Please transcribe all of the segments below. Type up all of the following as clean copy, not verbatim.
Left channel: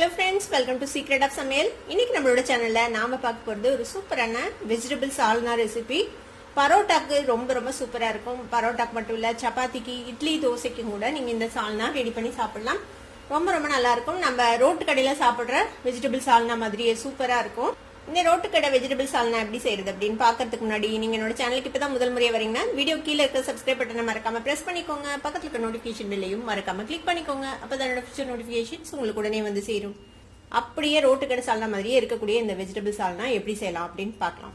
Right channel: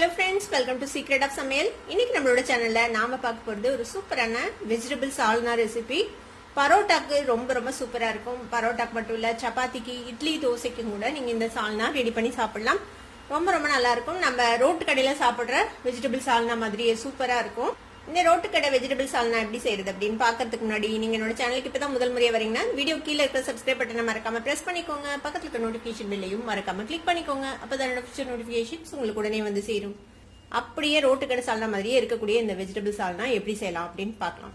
Hello friends, welcome to Secret of Samayal. இன்னைக்கு நம்மளோட சேனல்ல நாம பார்க்க போறது ஒரு சூப்பரான வெஜிடபிள் சால்னா ரெசிபி. பரோட்டாக்கு ரொம்ப சூப்பரா இருக்கும். பரோட்டாக்கு மட்டும் இல்ல, சப்பாத்திக்கு, இட்லி, தோசைக்கு கூட நீங்க இந்த சால்னா ரெடி பண்ணி சாப்பிடலாம். ரொம்ப நல்லா இருக்கும். நம்ம ரோட்டு கடையில சாப்பிடுற வெஜிடபிள் சால்னா மாதிரியே சூப்பரா இருக்கும். இந்த ரோட்டு கடை வெஜிடபிள் சால்னா எப்படி செய்யறது அப்படின்னு பாக்கிறதுக்கு முன்னாடி நீங்க என்னோட சேனலுக்கு இப்பதான் முதல் முறையா வரீங்கன்னா வீடியோ கீழே இருக்க சப்ஸ்கிரைப் பட்டனை மறக்காம பிரஸ் பண்ணிக்கோங்க. பக்கத்துல இருக்க நோட்டிபிகேஷன் பெல்லையும் மறக்காம கிளிக் பண்ணிக்கோங்க. அப்பதான் ஃபியூச்சர் நோட்டிபிகேஷன்ஸ் உங்களுக்கு உடனே வந்து சேரும். அப்படியே ரோட்டு கடை சால்னா மாதிரியே இருக்கக்கூடிய இந்த வெஜிடபிள் சால்னா எப்படி செய்யலாம் அப்படின்னு பார்க்கலாம்.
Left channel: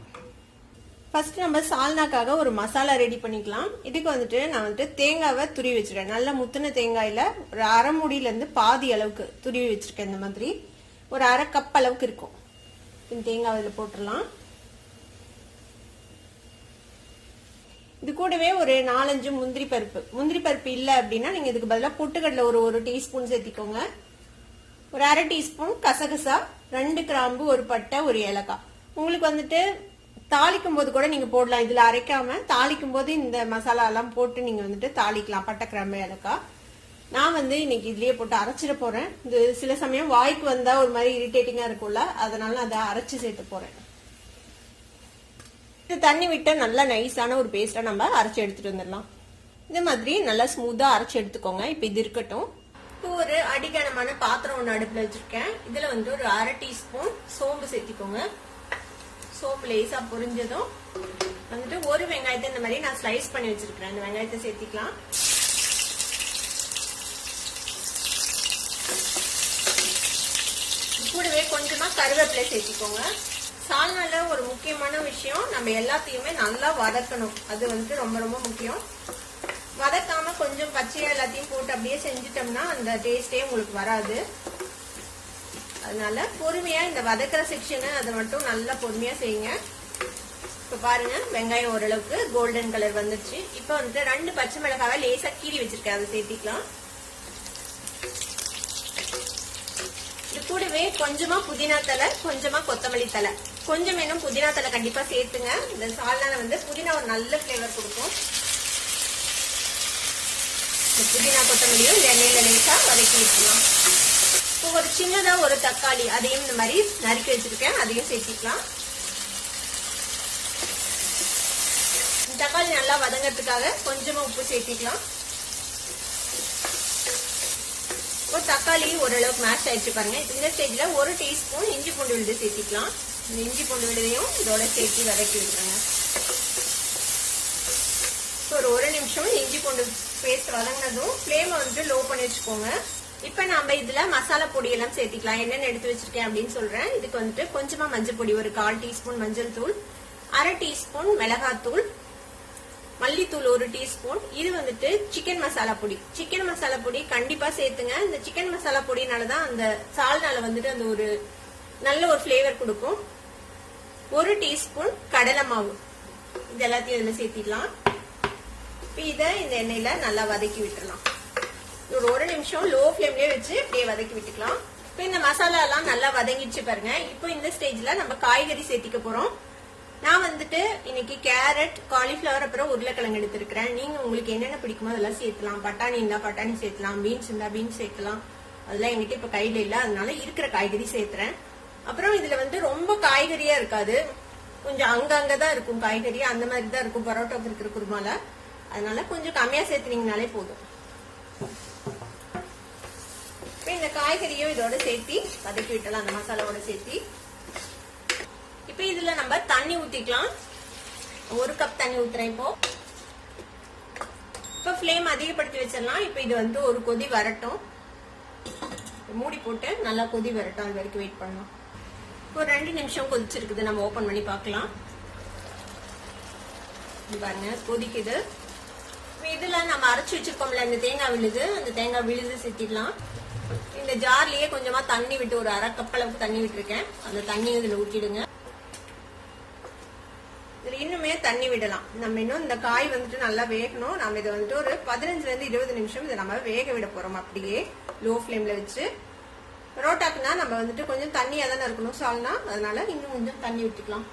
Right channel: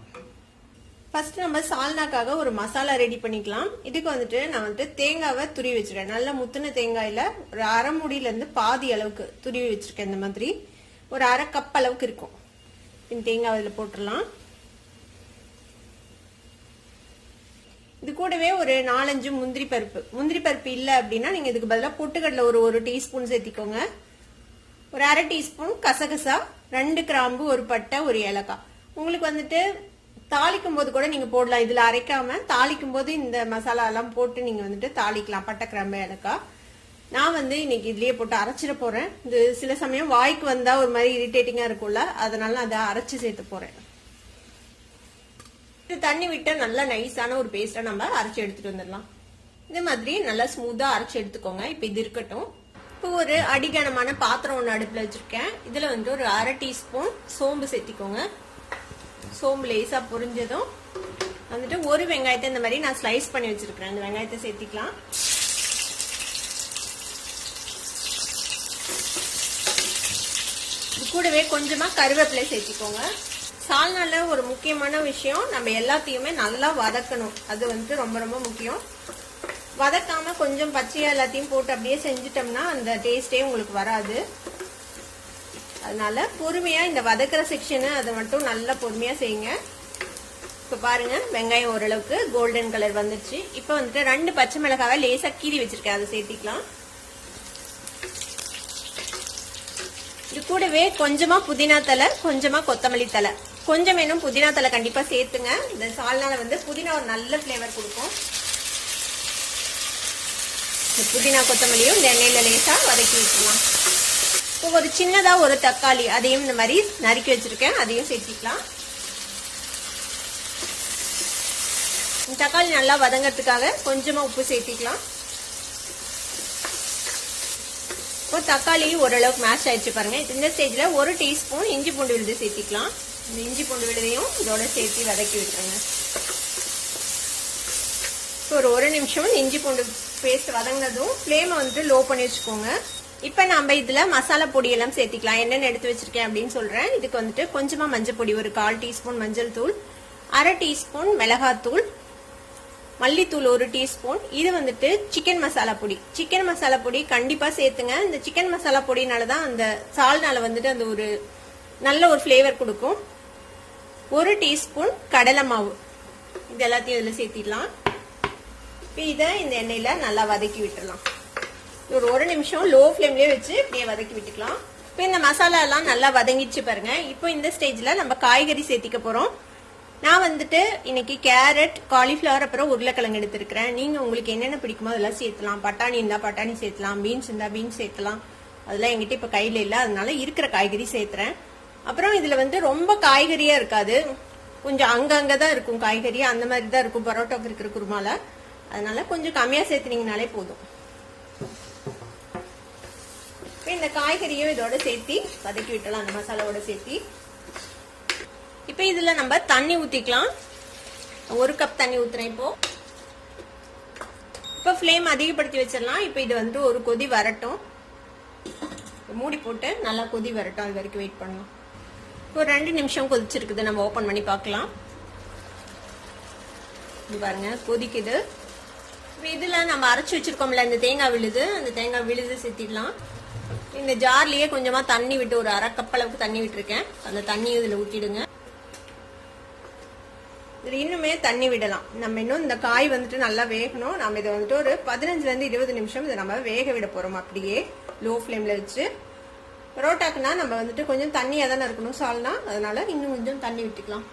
ஃபர்ஸ்ட் நம்ம சால்னாக்காக ஒரு மசாலா ரெடி பண்ணிக்கலாம். இதுக்கு வந்துட்டு நான் தேங்காவை துருவி வச்சிருக்கேன். நல்ல முத்துன தேங்காயில ஒரு அரை மூடியில இருந்து பாதி அளவுக்கு துருவி வச்சிருக்கேன். இந்த மாதிரி ஒரு அரை கப் அளவுக்கு இருக்கும். இந்த தேங்காய் இதுல போட்டுடலாம். இது கூடவே ஒரு 4-5 முந்திரி பருப்பு இல்ல அப்படின்னா நீங்க இதுக்கு பதிலா பொட்டுக்கடலை ஒரு டீஸ்பூன் சேர்த்திக்கோங்க. ஒரு அரை டீஸ்பூன் கசகசா, 2 கிராம்பு, ஒரு பட்டை, ஒரு ஏலக்காய். உங்களுக்கு வந்துட்டு தாளிக்கும் போது கூட நீங்க போடலாம். இதுல அரைக்காம தாளிக்கும் போது இந்த மசாலா எல்லாம் போட்டு நீங்க வந்துட்டு தாளிக்கலாம். பட்டை, கிராம்பு, ஏலக்காய். நான் இன்னைக்கு இதுலயே போட்டு அரைச்சிட போறேன். இது சில சமயம் வாய்க்கு வந்தா ஒரு மாதிரி இரிட்டேட்டிங்கா இருக்கும்ல, அதனால நான் அதை அரைச்சு சேர்த்து போறேன். இது தண்ணி விட்டு நல்லா நைஸான ஒரு பேஸ்டா நம்ம அரைச்சு எடுத்துட்டு வந்துடலாம். இந்த மாதிரி நல்லா ஸ்மூத்தா அரைச்சு எடுத்துக்கோங்க. இப்ப இது இருக்கட்டும். ஒரு அடிகனமான பாத்திரம் ஒண்ணு அடுப்புல வச்சிருக்கேன். இதுல ஒரு அரை டீஸ்பூன் சோம்பு சேர்த்திக்கோங்க. சோம்பு லேசா பொரிஞ்சதும் ஒரு வெங்காயத்தை இந்த மாதிரி நான் ஸ்லைஸ் பண்ணி வச்சிருக்கேன். அந்த வெங்காயத்தை சேர்த்திக்கலாம். கூடவே கொஞ்சமா கருவேப்பிலை சேர்த்திக்கோங்க. சால்னால ஒரு முக்கியமான விஷயம், நம்ம எல்லாத்தையுமே நல்லா வதக்கணும். அது ரொம்ப முக்கியம். வதக்காம கொஞ்சம் பச்சையா எல்லாத்தையும் போட்டு அப்படியே செஞ்சுட்டோம்னா அந்த டேஸ்டே உங்களுக்கு வராது. அதனால பொறுமையா இந்த வதக்கிற செக்ஷனு அதை மட்டும் நல்லா பொறுமையா செய்யுங்க. இப்ப பாருங்க, வெங்காயம் ஓரளவுக்கு கோல்டன் கலர் வந்துருச்சு. இப்ப 2 பச்சை மிளகாவை லேசா கீறி வச்சிருக்கேன். அதை சேர்த்திக்கலாம். இது கூடவே கொஞ்சமா புதினா தலை, கொஞ்சமா கொத்தமல்லி தலை. கொஞ்சம் வேணும் புதினா தலை கண்டிப்பா சேர்த்துங்க. இந்த சால்னால புதினா ஒரு நல்ல பிளேவர் கொடுக்கும். புதினா கொத்தமல்லியும் இந்த எண்ணெயில லேசா வதக்கி வச்சுக்கலாம். ஒரு சின்னதா ஒரு தக்காளி, அதையும் இந்த மாதிரி நறுக்கி வச்சிருக்கேன். அதையும் சேர்த்திக்கலாம். தக்காளி நல்லா வதங்கிறதுக்காக கொஞ்சமா உப்பு சேர்த்திக்கலாம். ஒரு தக்காளி ஓரளவுக்கு மேஷ் ஆயிடுச்சு பாருங்க. இந்த ஸ்டேஜ்ல 1 டீஸ்பூன் இஞ்சி பூண்டு விழுது சேர்த்திக்கலாம். இந்த இஞ்சி பூண்டு விழுதையும் இதோட சேர்த்து வதக்கி வச்சுருங்க. ஒரு 1 நிமிஷம் இஞ்சி பூண்டு பேஸ்ட் வதங்கினதும் ஃப்ளேம் லோ பண்ணி வச்சுக்கோங்க. இப்ப நம்ம இதுல மசாலா பொடி எல்லாம் சேர்த்திக்கலாம். என்னென்ன எடுத்து வச்சிருக்கேன் அப்படின்னு சொல்றேன். இதுக்கு கொஞ்சமா மஞ்சள் பொடி, ஒரு 1/4 டீஸ்பூன் மஞ்சள் தூள், அரை டீஸ்பூன் மிளகாத்தூள், மல்லித்தூள் 1 டீஸ்பூன். இது சிக்கன் மசாலா பொடி. சிக்கன் மசாலா பொடி கண்டிப்பா சேர்த்துங்க. இந்த சிக்கன் மசாலா பொடினாலதான் அந்த சால்னால அந்த ஒரு நல்ல ஒரு ஃபிளேவர் கொடுக்கும். 1 டீஸ்பூன் கடலை மாவு. இது எல்லாத்தையும் இதுல சேர்த்திடலாம். இத இந்த எண்ணெயில நல்லா வதக்கி விட்டுறலாம். ஒரு 1 நிமிஷம் லோ ஃபிளேம்லயே வச்சு இப்படியே வதக்கி விட்டுக்கலாம். இப்ப இந்த மசாலா எல்லாம் நல்லா வதங்கிடுச்சு பாருங்க. இப்போ இந்த ஸ்டேஜ்ல நம்ம காய்கறி சேர்த்திக்க போறோம். நான் இன்னைக்கு கேரட், காலிஃபிளவர், அப்புறம் உருளைக்கிழங்கு எடுத்திருக்கிறேன். நீங்க உங்களுக்கு என்னென்ன பிடிக்குமோ அதெல்லாம் சேர்த்துலாம். பட்டாணி இருந்தா பட்டாணி சேர்த்தலாம், பீன்ஸ் இருந்தா பீன்ஸ் சேர்க்கலாம். அதெல்லாம் எங்கிட்ட இப்ப கையில இல்ல, அதனால இருக்கிற காய்கறி சேர்த்துறேன். அப்புறம் இதுல ரொம்ப காய்கறியா இருக்காது, கொஞ்சம் அங்கதான் இருக்கும் காய்கறி. அந்த மாதிரி தான் இருக்கும் பரோட்டாக்கு இருக்கிற குருமால. அதனால கொஞ்சம் கம்மியா சேர்த்துனீங்கனாலே போதும். இந்த காய்கறியும் இதோட சேர்த்தி வதக்கி விட்டலாம், அந்த மசாலாவோட சேர்த்தி. இப்ப இதுல நம்ம தண்ணி ஊத்திக்கலாம். 1 கப் தண்ணி ஊத்துறேன். இப்போ ஃப்ளேம் அதிகப்படுத்தி வச்சிடலாம். இப்ப இது ஒரு கொதி வரட்டும். மூடி போட்டு நல்லா கொதி வரட்டும். அது வரைக்கும் வெயிட் பண்ணலாம். ஒரு 2 நிமிஷம் கொதிச்சிருக்குது. நம்ம ஓபன் பண்ணி பார்க்கலாம். பாருங்க, கொதிக்குது. இதுல நம்ம அரைச்சு வச்சிருக்கோம்ல இந்த தேங்காய் விழுது, அந்த தேங்காய் விழுது சேர்த்திடலாம். இந்த ஜார்லயே கொஞ்சமா தண்ணி விட்டு ஒரு அரை கப் அளவுக்கு தண்ணி விட்டுருக்கேன். அந்த தண்ணி இதுல ஊத்திடுங்க. இதுல இன்னுமே தண்ணி விடலாம். நம்ம இன்னும் இந்த காய் நல்லா வேகணும். நம்ம இதை ஒரு 15 இருந்து 20 நிமிஷம் இதை நம்ம வேக விட போறோம். அப்படியே லோ ஃபிளேம்ல வச்சு. பரோட்டாக்குனா நம்ம கொஞ்சம் தண்ணியா தானே இருக்கணும் சால்னா, அதனால இன்னும் கொஞ்சம் தண்ணி விட்டுக்கலாம்.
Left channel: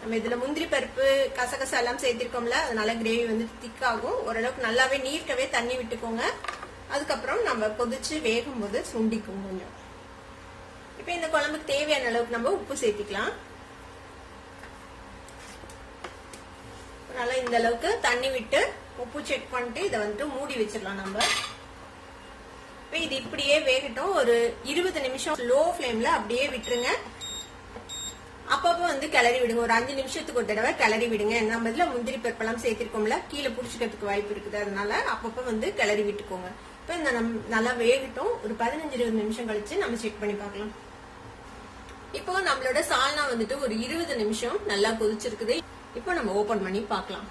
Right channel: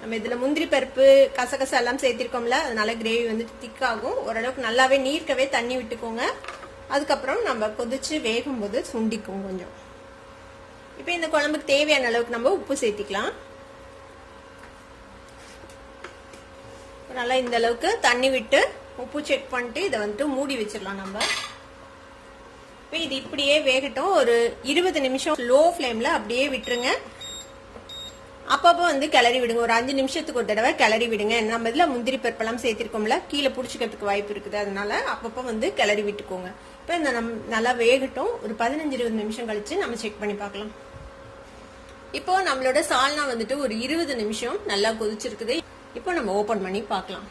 நம்ம இதுல முந்திரி பருப்பு, கசகசா எல்லாம் சேர்த்திருக்கோம்ல, அதனால கிரேவி திக் ஆகும். ஓரளவுக்கு நல்லாவே நீர்க்கவே தண்ணி விட்டுக்கோங்க. அதுக்கப்புறம் நம்ம கொதிச்சு வேகும் போது சுண்டிக்கும் கொஞ்சம். இப்ப இந்த குழம்புக்கு தேவையான அளவுக்கு நம்ம உப்பு சேர்த்திக்கலாம். நல்லா இந்த அளவுக்கு தண்ணி விட்டு உப்பு செக் பண்ணிட்டு இதை வந்துட்டு மூடி வச்சிடலாம் நம்ம. இது இப்படியே வேகட்டும். ஒரு 20 நிமிஷம் லோ ஃபிளேம்ல அப்படியே விட்டுருங்க. அப்பப்போ வந்து கிளறி விடுங்க. ஒரு 5 நிமிஷத்துக்கு ஒரு தடவை கிளறி விடுங்க. நம்ம இதுல முந்திரி பருப்பெல்லாம் சேர்த்திருக்கோம்ல, கீழே புடிச்சுக்கிறதுக்கு வாய்ப்பு இருக்குது. அதனால அப்பப்போ வந்து கிளறி விட்டுக்கோங்க. இப்ப இந்த நல்லா வேகட்டும். ஒரு 15-20 நிமிஷம் கழிச்சு நம்ம செக் பண்ணி பார்க்கலாம். இப்போ நம்மளோட சால்னா வந்துட்டு ஒரு 20 நிமிஷம் நல்லா கொதிச்சிருக்குது. இப்போ நம்ம ஓபன் பண்ணி பார்க்கலாம்.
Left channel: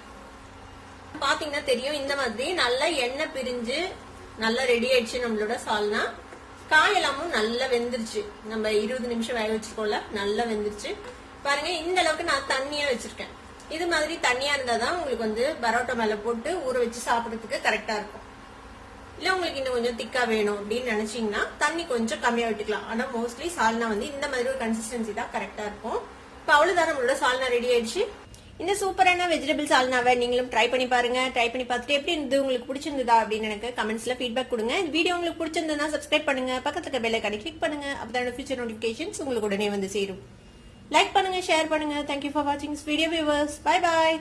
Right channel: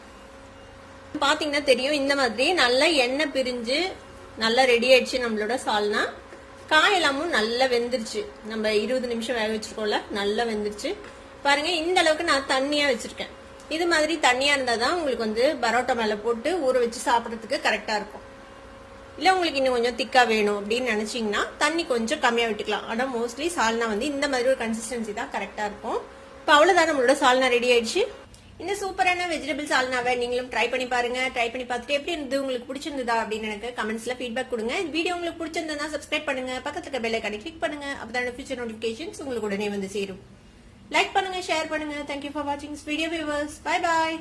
பாத்தீங்கன்னா தெரியும், இந்த மாதிரி நல்லா எண்ணெய் பிரிஞ்சு நல்லா ரெடி ஆயிடுச்சு நம்மளோட சால்னா. காயெல்லாமும் நல்லா வெந்துருச்சு. நம்ம 20 நிமிஷம் வேக வச்சிருக்கோம்ல, நல்லா வெந்துருச்சு. பாருங்க, இந்த அளவுக்கு நான் தண்ணியா வச்சிருக்கேன். இது மாதிரி தண்ணியா இருந்தாதான் உங்களுக்கு வந்து பரோட்டா மேல போட்டு ஊற வச்சு சாப்பிடறதுக்கு கரெக்டா இருக்கும். இல்ல உங்களுக்கு இன்னும் கொஞ்சம் திக்கா வேணும் அப்படின்னு நினைச்சீங்கன்னா தண்ணி கொஞ்சம் கம்மியா விட்டுக்கலாம். ஆனா மோஸ்ட்லி சால்னா வந்து இந்த மாதிரி ஒரு கன்சிஸ்டன்சி தான் கரெக்டா இருக்கும். இப்ப அவ்வளவுதான், நம்மளோட சால்னா ரெடி ஆயிடுச்சு. இந்த சூப்பரான வெஜிடபிள் சால்னாவை நீங்களும் ட்ரை பண்ணி பாருங்க. ட்ரை பண்ணி பார்த்துட்டு எப்படி இருந்தது, உங்களுக்கு பிடிச்சிருந்ததா அப்படின்னு எனக்கு கமெண்ட்ஸ்ல ஃபீட்பேக் கொடுங்க. இந்த வீடியோ உங்களுக்கு பிடிச்சிருந்தா சப்ஸ்கிரைப் பண்ணுங்க, பக்கத்துல இருக்க பெல் ஐகானை கிளிக் பண்ணுங்க. அப்பதான் ஃபியூச்சர் நோட்டிபிகேஷன்ஸ் உங்களுக்கு உடனே வந்து சேரும். லைக் பண்ணுங்க, ஷேர் பண்ணுங்க. தேங்க்யூ ஃபார் வாட்சிங் வீடியோ வியூவர்ஸ். Bye bye.